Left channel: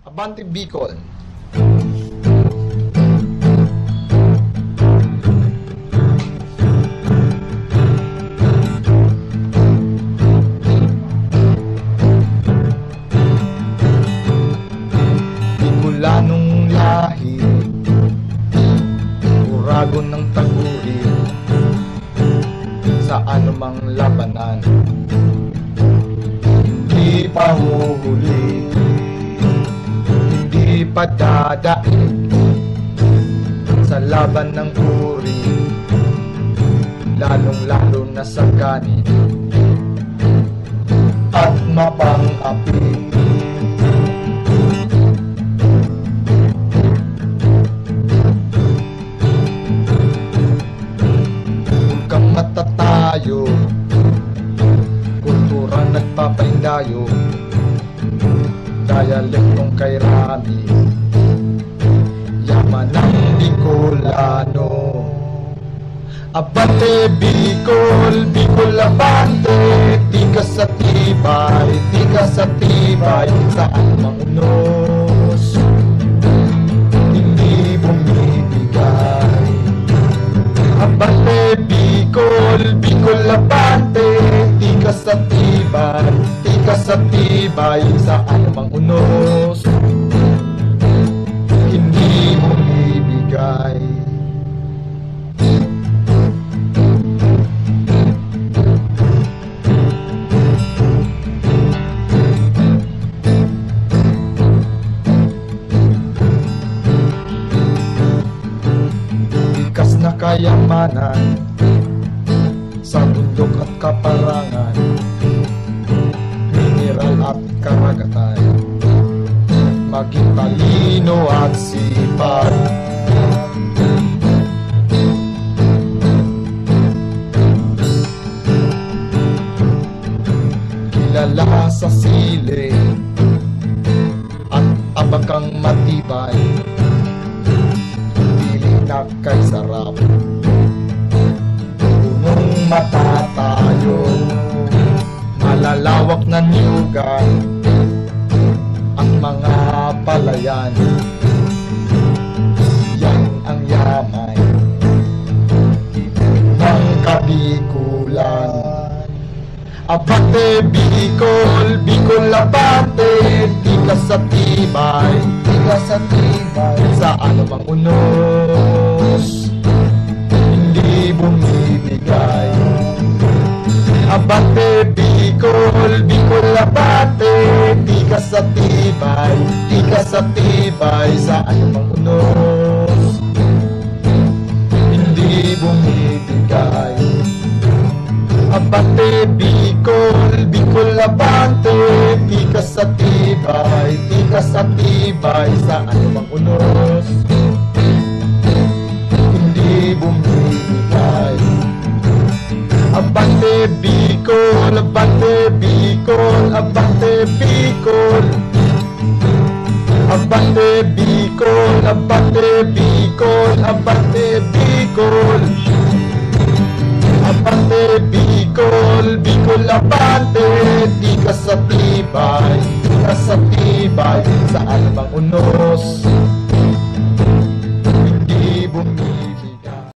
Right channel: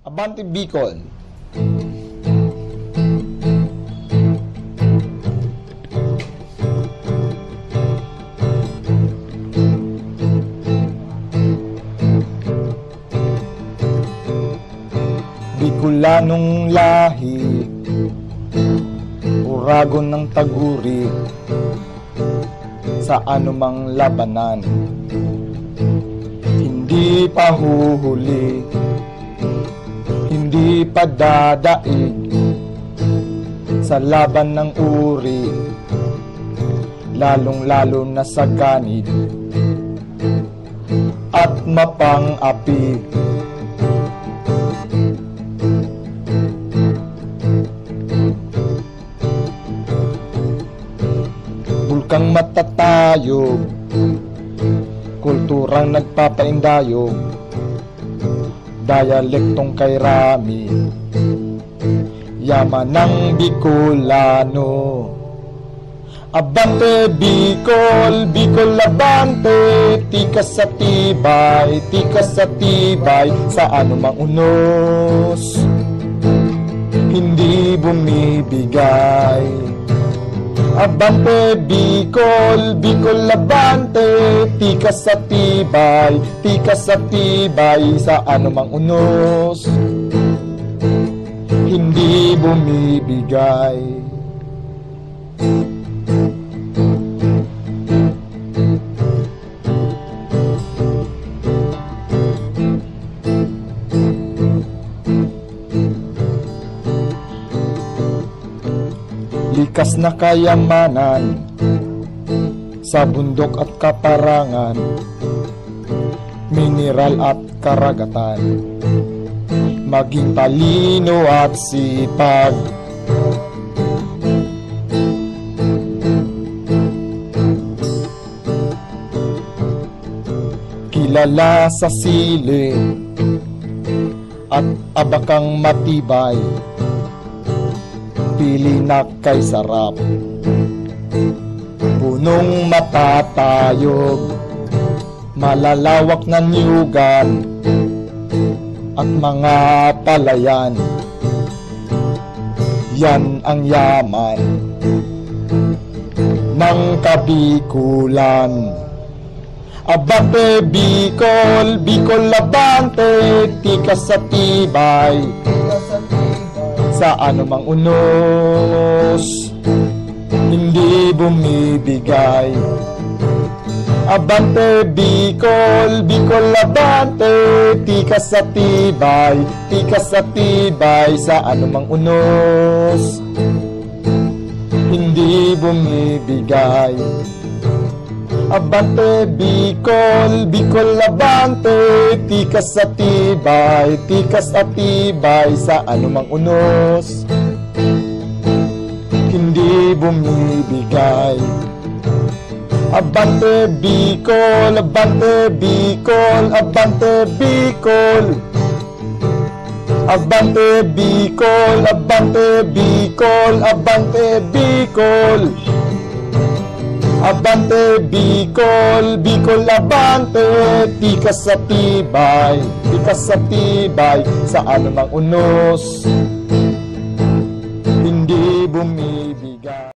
Abante Bicol. Bicolanong lahi, uragon ng taguri, sa anumang labanan hindi pa huhuli, hindi pa dadaig sa laban ng uri, lalong lalo na sa ganit at mapang-api. Kang matatayo, kulturang nagpapaindayo, dialektong kay Rami, yaman ng Bicolano. Abante Bicol, Bicol abante, tikas sa tibay, tikas sa tibay, sa anumang unos, hindi bumibigay. Abante Bicol, Bicol abante, tikas sa tibay, tikas sa tibay, sa anumang unos, hindi bumibigay. Likas na kayamanan sa bundok at kaparangan, mineral at karagatan, maging talino at sipag. Kilala sa sili at abakang matibay, piling na kay sarap, punong matatayo, malalawak na niyugan at mga palayan, yan ang yaman ng Kabikulan. Abante Bicol, Bicol abante, tikas sa tibay, tikas sa tibay, sa anumang unos, hindi bumibigay. Abante Bicol, Bicol abante, tikas sa tibay, tikas sa tibay, sa anumang unos, hindi bumibigay. Abante Bicol, Bicol abante, tikas sa tibay, tikas sa tibay, sa anumang unos, hindi bumibigay. Abante Bicol, abante Bicol, abante Bicol, abante Bicol, abante Bicol, abante Bicol, abante Bicol, Bicol abante, tikas sa tibay, tikas sa tibay, sa anumang unos,